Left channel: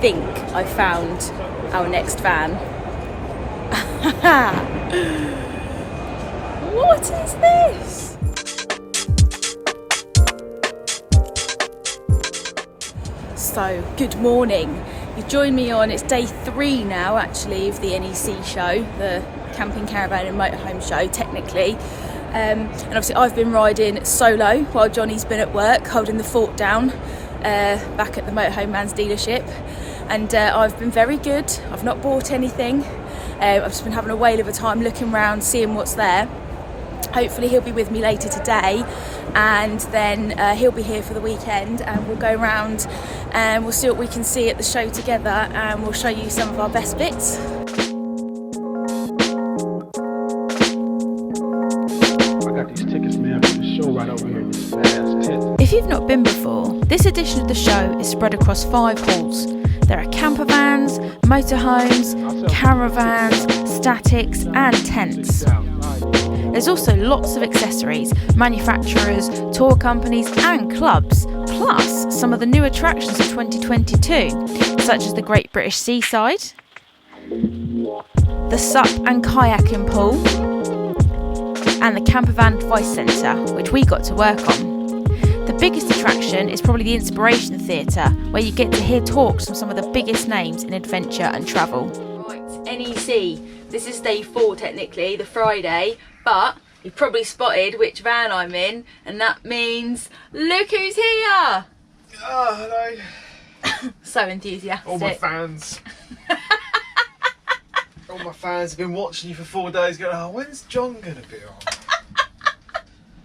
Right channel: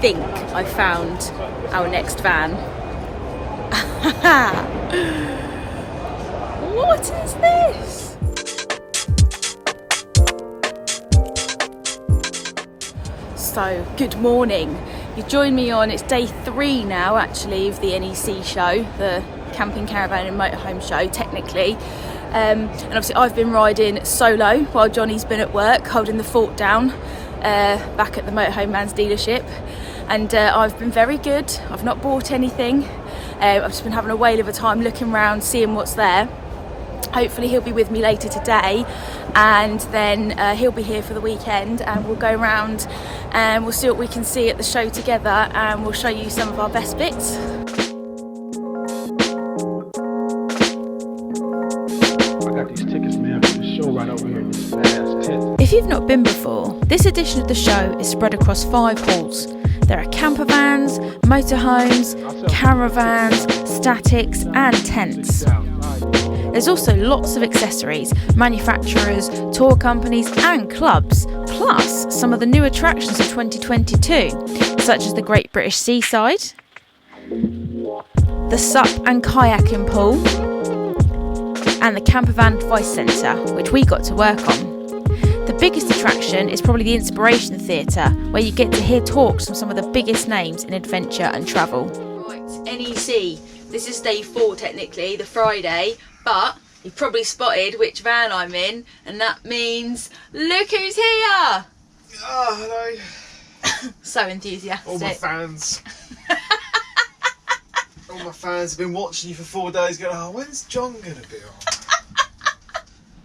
think I found our next van. What is this? So, good morning. You join me on, it's day 3 now actually of the NEC show, the Camping, Caravan and Motorhome show technically. And obviously I've been riding solo while Johnny's been at work holding the fort down back at the Motorhome Man's dealership, and I've been very good. I've not bought anything. I've just been having a whale of a time looking around, seeing what's there. Hopefully he'll be with me later today, and then he'll be here for the weekend, and we'll go around and we'll see what we can see at the show together, and we'll show you some of our best bits. If you've not been before, this edition of the show is spread across 5 halls. There are campervans, motorhomes, caravans, statics and tents. There's also lots of accessories, manufacturers, tour companies and clubs, plus some of the new attractions of 2022, such as the Great British Seaside, the SUP and kayaking pool, and the Campervan Advice Centre, which we got to work on. The biggest attraction is probably the Inspiration Theatre, where you get to hear talks from some of the biggest names in adventure and travel. Right, NEC. This is day 4 technically, the Friday, but you've probably spotted which van I'm in, and that means look who's here! Oh, hello. So enthusiastic. All my fans. All my fans have been watching you for 4 days going, oh, when's John going to be on?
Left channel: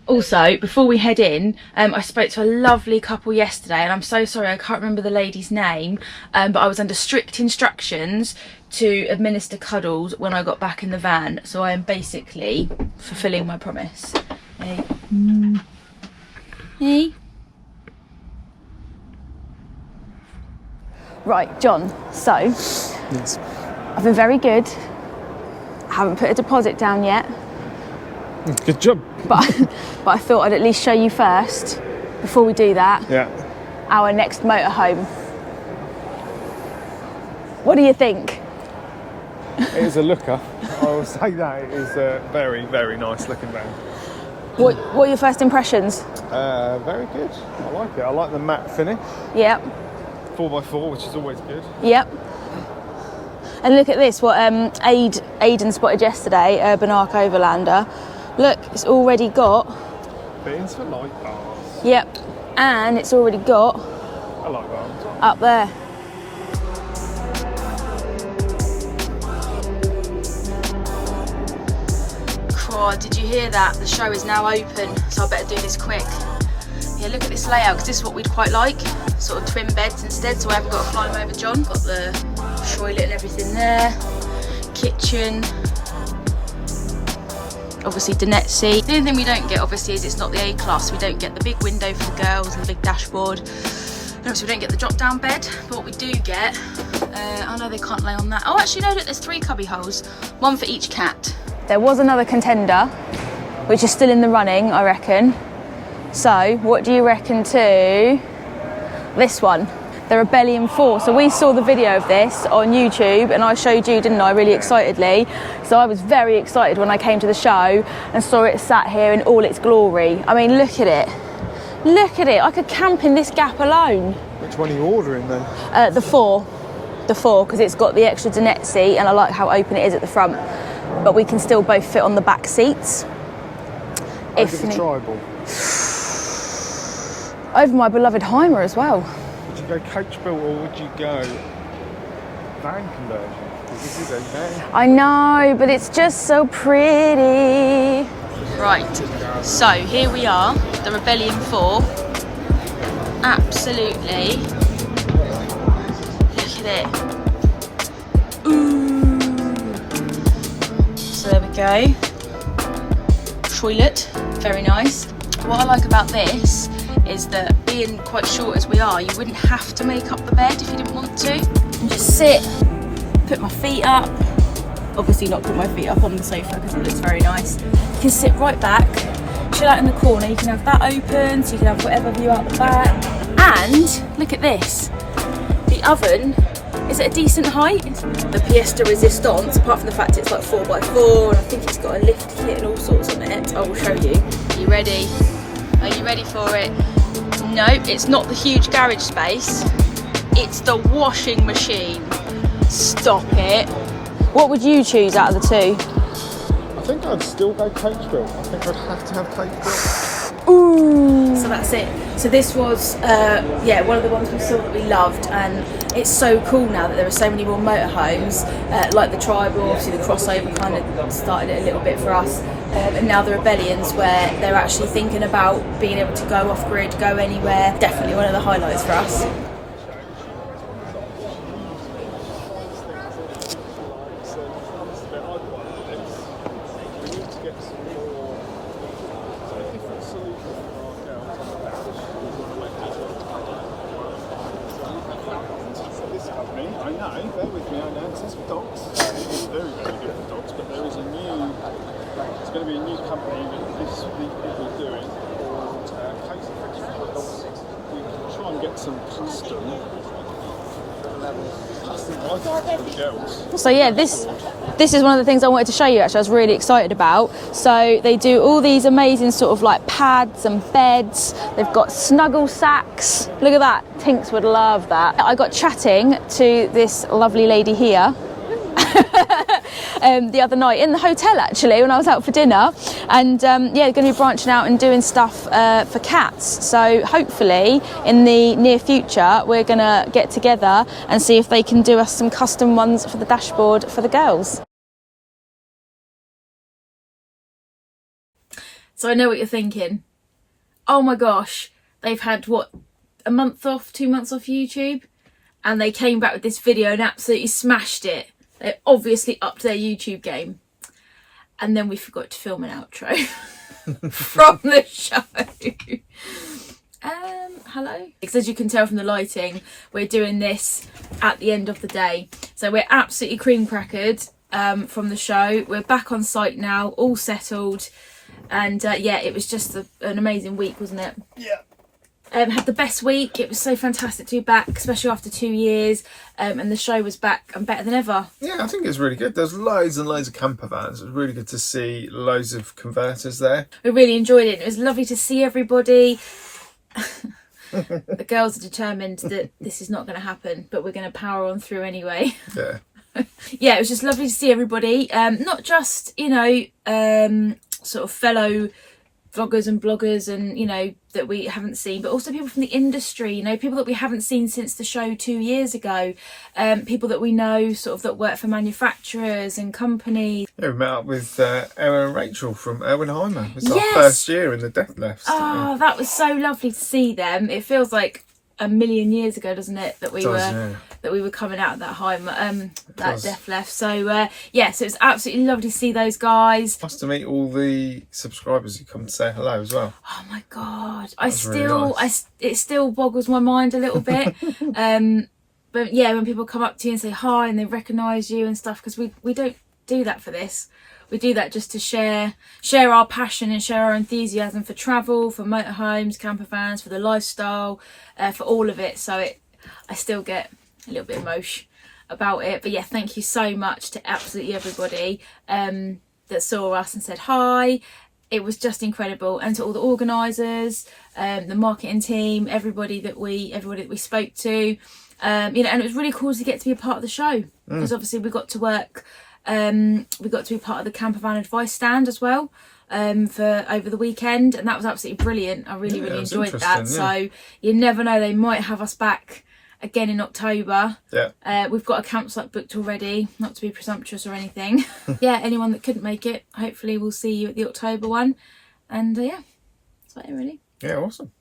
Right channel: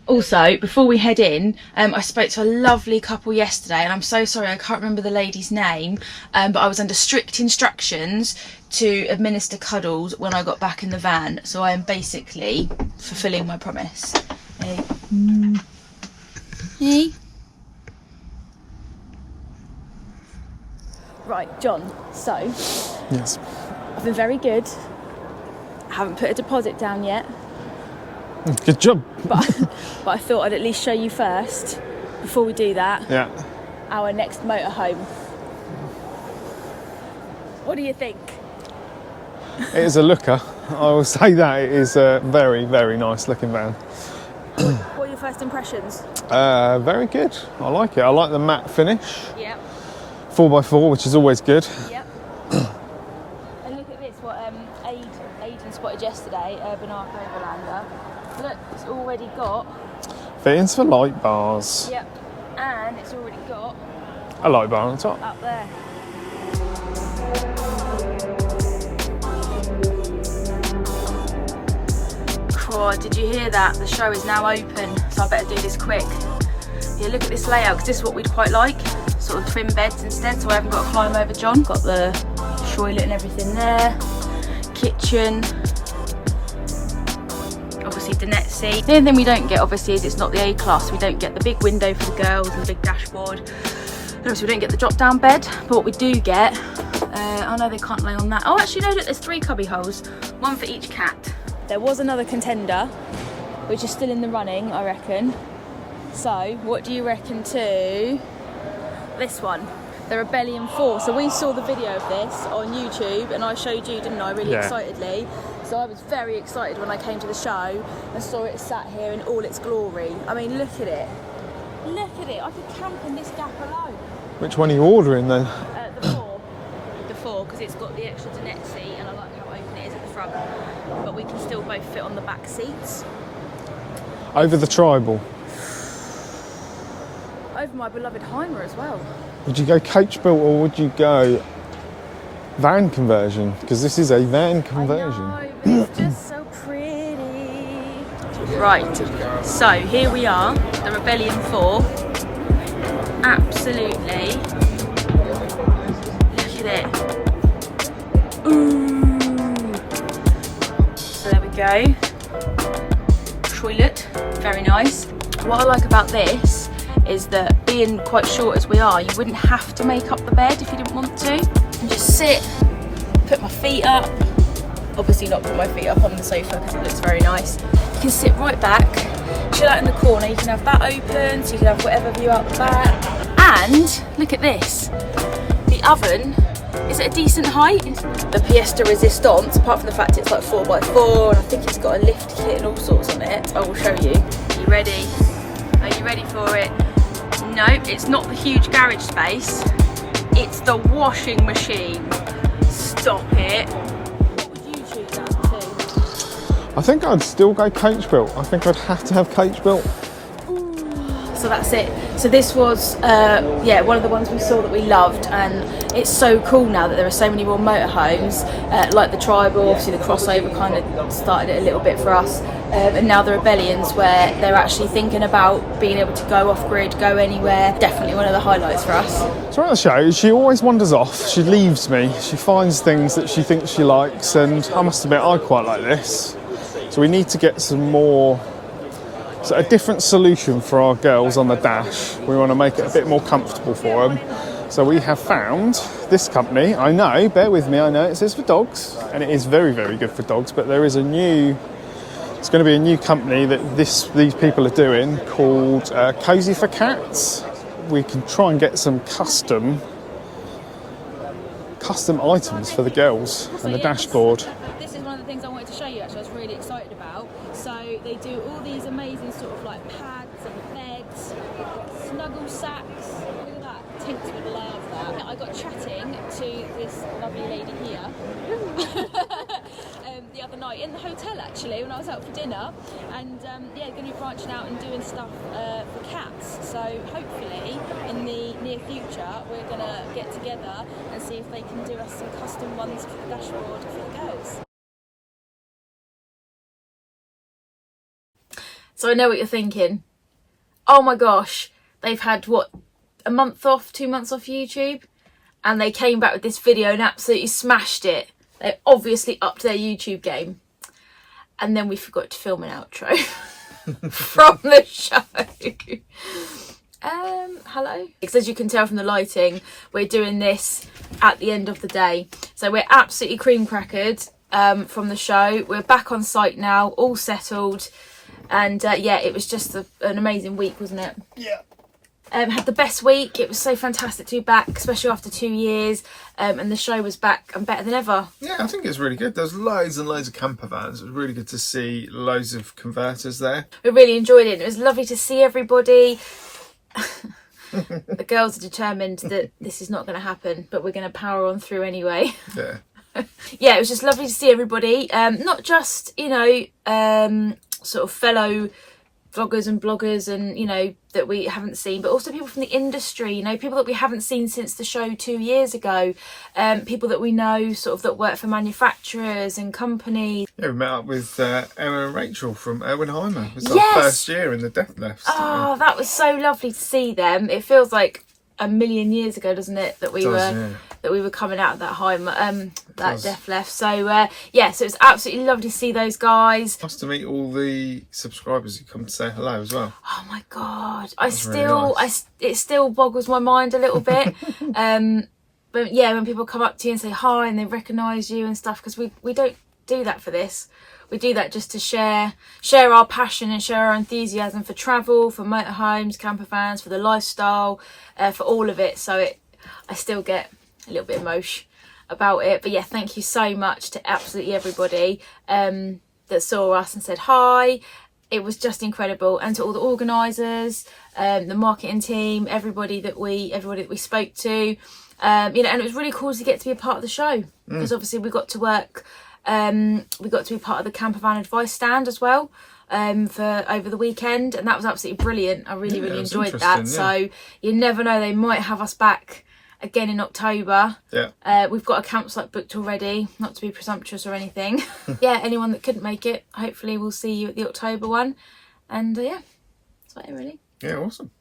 Also, before we head in, I spoke to a lovely couple yesterday, and I'm so sorry I can't remember the lady's name, but I was under strict instructions to administer cuddles when I got back in the van, so I am basically fulfilling my promise. Hey. Hey. Right, John, so Yes. I've been very good. I haven't put a deposit down yet. Good job. But I thought I'd at least show you first, before we do that, Yeah. our next motorhome. What do you think? It is a looker. I will say that it is a very, very nice looking van. What are your first impressions? Very good. I like it. I like the matte finish. Yep, 4x4, which is always good. yep. And look at this, what Aidan spotted yesterday, Urban Arc Overlander. Look, it's already got... Fittings for light bars. Yep, and it's already got... A light bar on top. up there. Oh, did you hear that? The show is now open, so I better do this quick. Yeah, look at this layout, because this is what we'd quite like. Sort of twin beds instead, so I haven't got to climb over John. Got the toilet and everything there. Kitchen. Obviously Dinette. The only thing we don't get, obviously, is it's not the A-class. We don't get the big window for the girls and the big dashboard. And obviously we don't get the drop-down bed. But what we do get, I know they can't lay on that. Oh, actually, no, there's 3 cubby holes. 1 for each cat. There was another contender, which is still in the running, I reckon. So, what do you reckon to this one? The Rebellion 4. So we saw the video of this on YouTube, and I showed you, didn't I, really excitedly. So I was very excited when I came to the show and saw it sat here in all its glory. I mean, look at it. Look at it. I could camp in this gap alone. Which one are you ordering then? The 4. The 4, because it's got the extra dinette seat, and I like how open it is at the front. But we can still both fit on the back seats. Over the Tribal. Over my beloved Heimer as well. Would you go coach built or would you go van conversion? Because this is a van conversion. I know, but it's just so pretty. Right, so here we are, the Rebellion 4. Absolutely. Look at it. Ooh. So there we go. Toilet, very nice. What I like about this is that being quite short as we are, you wouldn't have to make up the bed if you didn't want to. And just sit, put my feet up. Obviously not put my feet up on the sofa because it looks very nice. You can sit right back, chill out in the corner. You can have that open, so you can have whatever view out the back. And look at this. The oven Is it a decent height? The Fiesta Resistance, apart from the fact it's like 4x4, and I think it's got a lift kit and all sorts on it. I will show you. Are you ready? Are you ready for it? No, it's not the huge garage space. It's the washing machine. Stop it. What would you choose out of the two? I think I'd still go coach built. I think I'd have to have coach built. Ooh. So that's it. So this was, yeah, one of the ones we saw that we loved, and it's so cool now that there are so many more motorhomes, like the Tribal. Obviously the crossover kind of started it a little bit for us, and now the Rebellions, where they're actually thinking about being able to go off grid, go anywhere. Definitely one of the highlights for us. Throughout the show, she always wanders off. She leaves me. She finds things that she thinks she likes, and I must admit, I quite like this. So we need to get some more, so a different solution for our girls on the dash. We want to make it a bit more comfortable for them. So we have found this company. I know, bear with me, I know it says for dogs, and it is very, very good for dogs, but there is a new, it's going to be a new company that these people are doing called Cozy for Cats. We can try and get some custom items for the girls. So yeah, this is one of the things I wanted to show you, actually. I was really excited about. So they do all these amazing sort of like pads and beds. They've got snuggle sacks. Look at that. Tinks would love that. I got chatting to this lovely lady here the other night in the hotel, actually, when I was out for dinner, and yeah, they're going to be branching out and doing stuff for cats. So hopefully in the near future we're going to get together and see if they can do us some custom ones for the dashboard for the girls. So I know what you're thinking. Oh my gosh, they've had what, a month off, 2 months off YouTube, and they came back with this video and absolutely smashed it. They obviously upped their YouTube game. And then we forgot to film an outro from the show. Hello? Because as you can tell from the lighting, we're doing this at the end of the day. So we're absolutely cream crackered from the show. We're back on site now, all settled. And yeah, it was just an amazing week, wasn't it? Yeah. Had the best week. It was so fantastic to be back, especially after 2 years, and the show was back and better than ever. Yeah, I think it's really good. There's loads and loads of camper vans. It was really good to see loads of converters there. We really enjoyed it. It was lovely to see everybody. The girls are determined that this is not going to happen, but we're going to power on through anyway. Yeah. Yeah, it was just lovely to see everybody. Not just, you know, sort of fellow vloggers and bloggers and, you know, that we haven't seen, but also people from the industry, you know, people that we haven't seen since the show 2 years ago, people that we know sort of that work for manufacturers and companies. Yeah, we met up with Emma and Rachel from Erwin-Heimer. It was our first year in the Death Lifts. Oh, that was so lovely to see them. It feels like a million years ago, doesn't it, that we were coming out of that that Death Left. So yeah, so it's absolutely lovely to see those guys. Nice to meet all the subscribers who come to say hello as well. Oh my god, it still boggles my mind a little bit. But yeah, when people come up to you and say hi and they recognise you and stuff, because we don't do that for this. We do that just to share our passion and share our enthusiasm for travel, for motorhomes, camper vans, for the lifestyle, for all of it. So I still get a little bit emotional about it. But yeah, thank you so much to absolutely everybody that saw us and said hi. It was just incredible. And to all the organisers, the marketing team, everybody that we spoke to, you know, and it was really cool to get to be a part of the show, because obviously we got to work. We got to be part of the Campervan advice stand as well for over the weekend, and that was absolutely brilliant. I really enjoyed that. Yeah. So you never know, they might have us back again in October. Yeah. We've got a campsite booked already, not to be presumptuous or anything. Yeah, anyone that couldn't make it, hopefully we'll see you at the October one. And yeah, that's about it really. Yeah, awesome.